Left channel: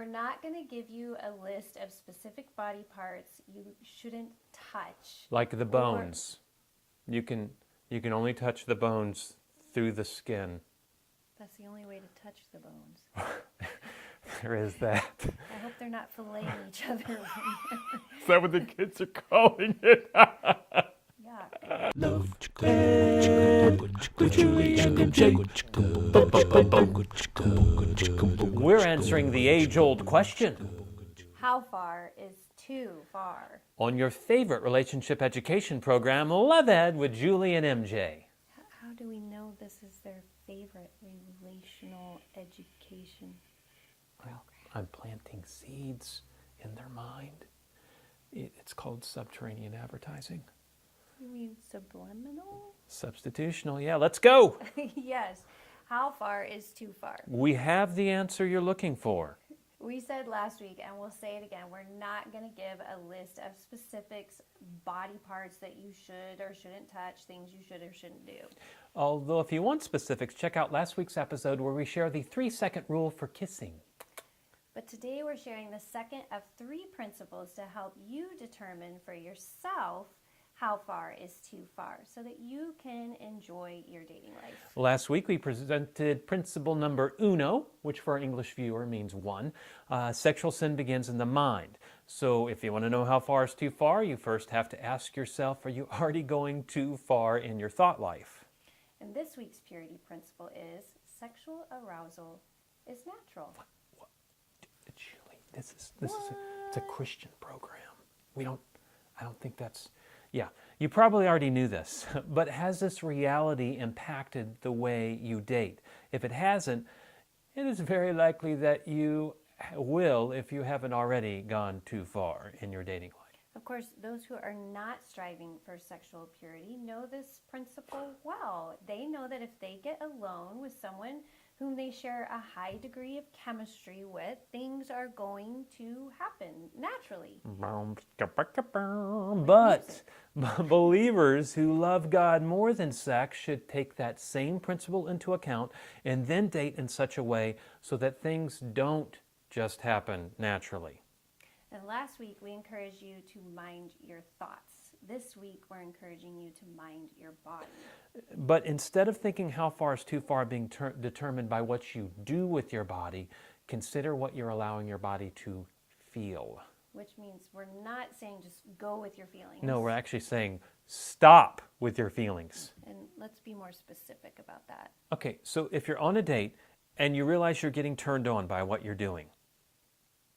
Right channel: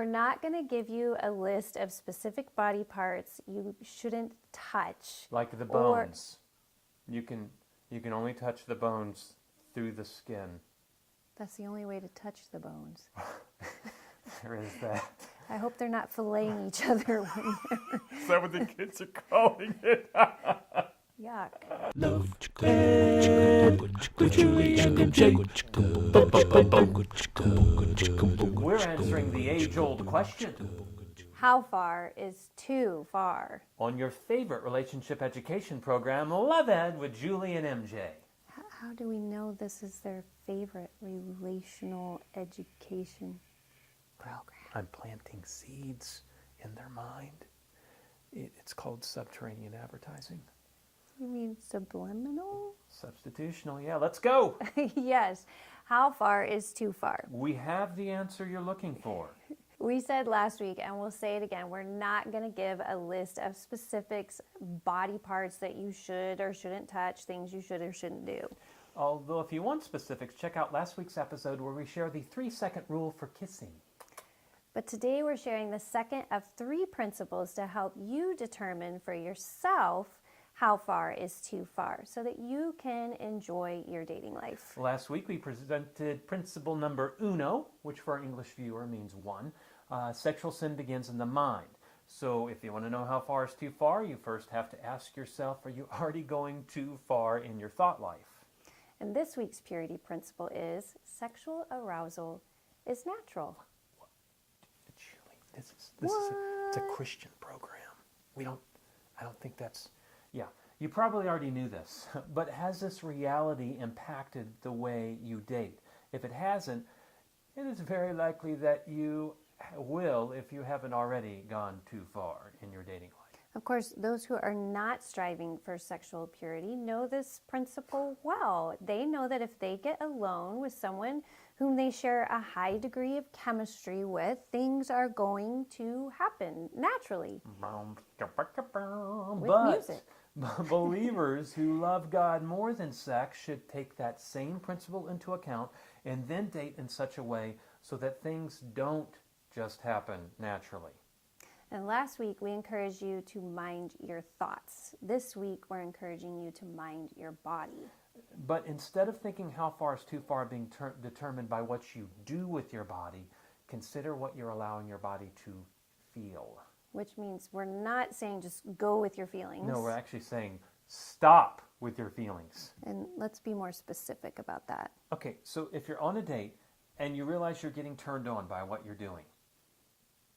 We're not going to give you a list of specific body parts you shouldn't touch. Like the bones. You can only touch the bones through the skin. That's the only way to touch the bones. There is that. I hope they're not filleting each other. Is that what the kids are calling it? Yuck. Love with Julie and MJ. We're answering the age-old question. How far is too far? On your favorite relationship education program, Love Ed with Julie and MJ. How do we know this is their favorite relational education? Well, I'm planting seeds in their mind. It's called subterranean advertising. You mean subliminal? Substitutional, yeah, let's go. Yes. How far is too far? We have the answer you're looking for. We said last week, and we'll say it again, we're not going to give a list of specifics, body parts that you should or shouldn't touch, things you should or shouldn't do. Although if you want specifics, check out last week's episode where we share the 3-second rule for kissing. But today we're sharing the second of 3 principles to help you determine for yourself how far is too far so that you can enjoy your dating life. Last week we presented principle number uno, which for our English viewer means 1. Sexual sin begins in the mind. So if you want to know how far is too far, you first have to ask yourself, are you already going too far in your thought life? And this week's purity principle is sexual arousal is natural. Julie, this is it's a Christian program. I don't think that's... Yeah, you probably already knew this, but has this reality impacted the way you date? If it hasn't, it is very likely that you will if you haven't already gone too far in your dating life. Of course, those who are not striving for sexual purity know this principle well. They know that if they get alone with someone whom they share a high degree of chemistry with, things are going to happen naturally. But believers who love God more than sex should take that same principle into account and then date in such a way so that things don't just happen naturally. And last week, we encouraged you to mind your thoughts. This week, we're encouraging you to mind your body. But instead of thinking how far is too far being determined by what you do with your body, consider what you're allowing your body to feel. Which means we're not saying just go with your feelings. No, we're actually saying stop with your feelings. And let's be more specific about that. Okay, so if you're on a date and you realize you're getting turned on by what you're doing,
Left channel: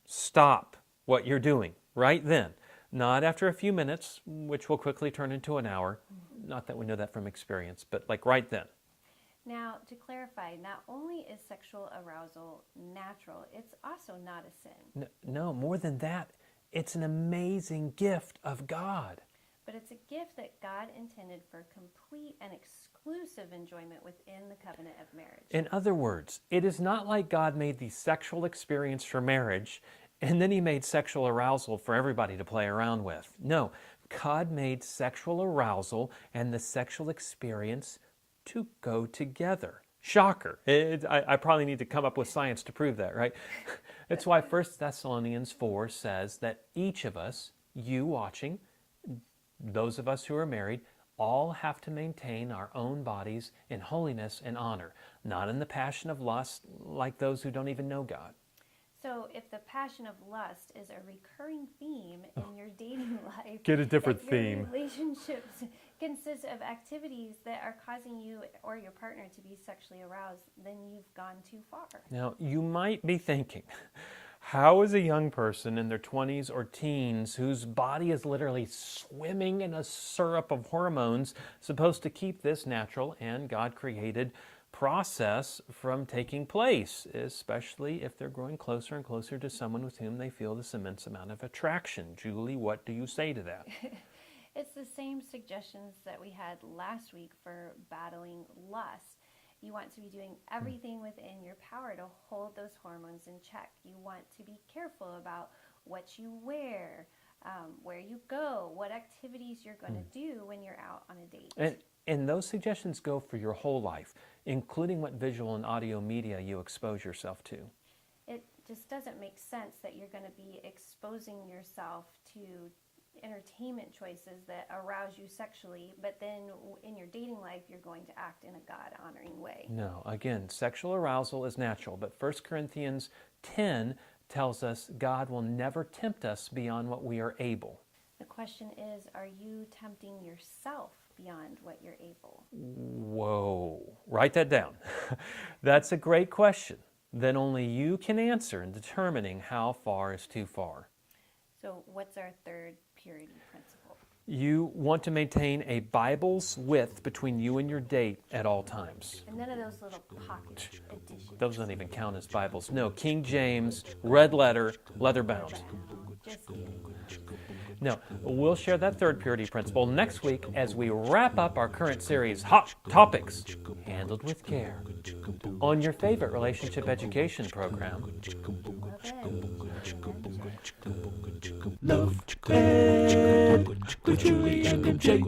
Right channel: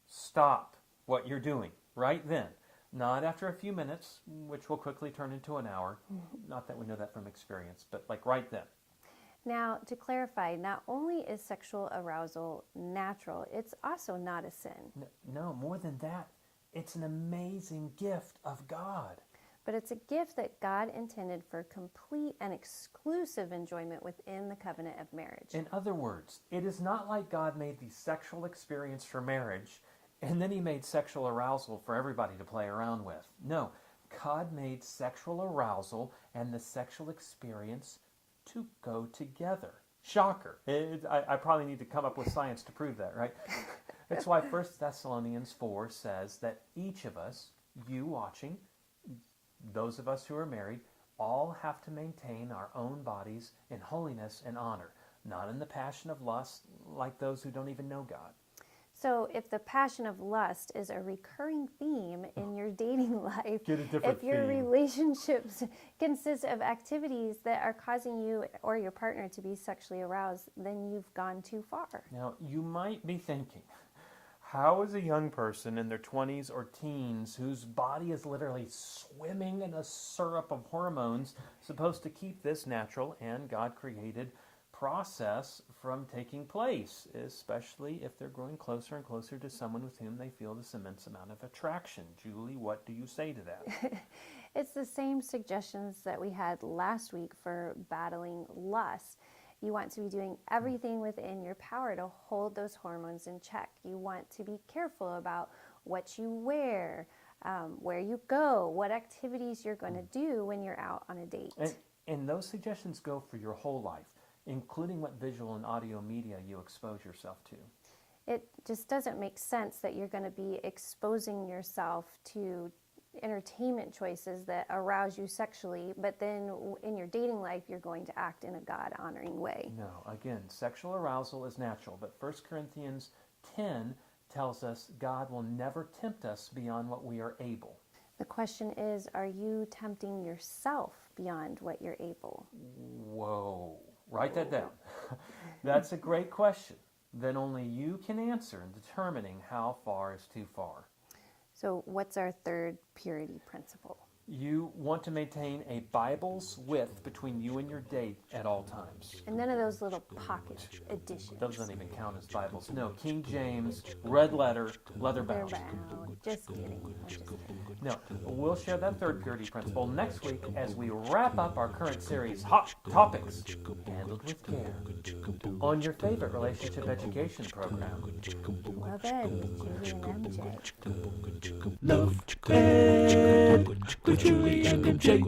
stop what you're doing right then. Not after a few minutes, which will quickly turn into an hour. Not that we know that from experience, but like right then. Now, to clarify, not only is sexual arousal natural, it's also not a sin. No, more than that, it's an amazing gift of God. But it's a gift that God intended for complete and exclusive enjoyment within the covenant of marriage. In other words, it is not like God made the sexual experience for marriage and then he made sexual arousal for everybody to play around with. No, God made sexual arousal and the sexual experience to go together. Shocker. I probably need to come up with science to prove that, right? That's why 1 Thessalonians 4 says that each of us, you watching, those of us who are married, all have to maintain our own bodies in holiness and honor, not in the passion of lust like those who don't even know God. So if the passion of lust is a recurring theme in your dating life, Get a different if your theme. relationships consist of activities that are causing you or your partner to be sexually aroused, then you've gone too far. Now, you might be thinking, how is a young person in their 20s or teens whose body is literally swimming in a syrup of hormones supposed to keep this natural and God-created process from taking place, especially if they're growing closer and closer to someone with whom they feel this immense amount of attraction? Julie, what do you say to that? It's the same suggestions that we had last week for battling lust. You want to be doing everything within your power to hold those hormones in check. You want to be careful about what you wear, where you go, what activities you're going to do when you're out on a date. And those suggestions go for your whole life, including what visual and audio media you expose yourself to. It just doesn't make sense that you're going to be exposing yourself to entertainment choices that arouse you sexually, but then in your dating life, you're going to act in a God-honoring way. No, again, sexual arousal is natural, but 1 Corinthians 10 tells us God will never tempt us beyond what we are able. The question is, are you tempting yourself beyond what you're able? Whoa, write that down. That's a great question that only you can answer in determining how far is too far. So what's our third purity principle? You want to maintain a Bible's width between you and your date at all times. And none of those little pocket editions. Those don't even count as Bibles. No, King James, red letter, leather bound. Just kidding. No, we'll share that third purity principle next week as we wrap up our current series, Hot Topics, Handled with Care, on your favorite relationship education program. Well then, Love Ed with Julie and MJ.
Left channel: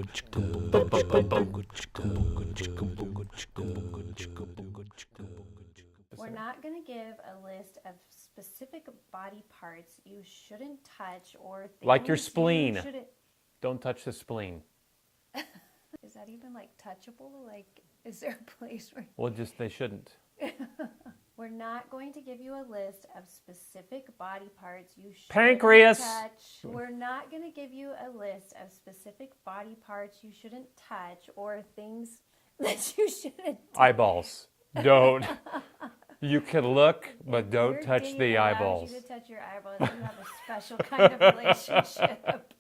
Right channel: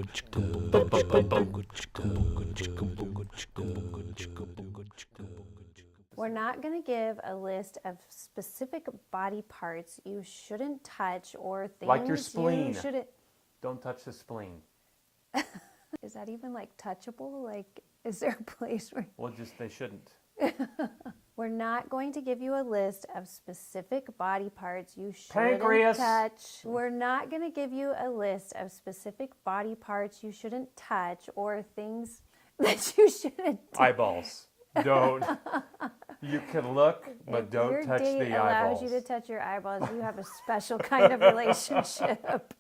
we're not going to give a list of specific body parts you shouldn't touch or things Like your spleen. you shouldn't. Don't touch the spleen. Is that even like touchable? Like, is there a place where... Well, just they shouldn't. We're not going to give you a list of specific body parts you shouldn't Pancreas. touch. We're not going to give you a list of specific body parts you shouldn't touch or things that you shouldn't do. Eyeballs. Don't. You can look, but If don't your touch date the allows eyeballs. you to touch your eyeballs, you have a special kind of relationship.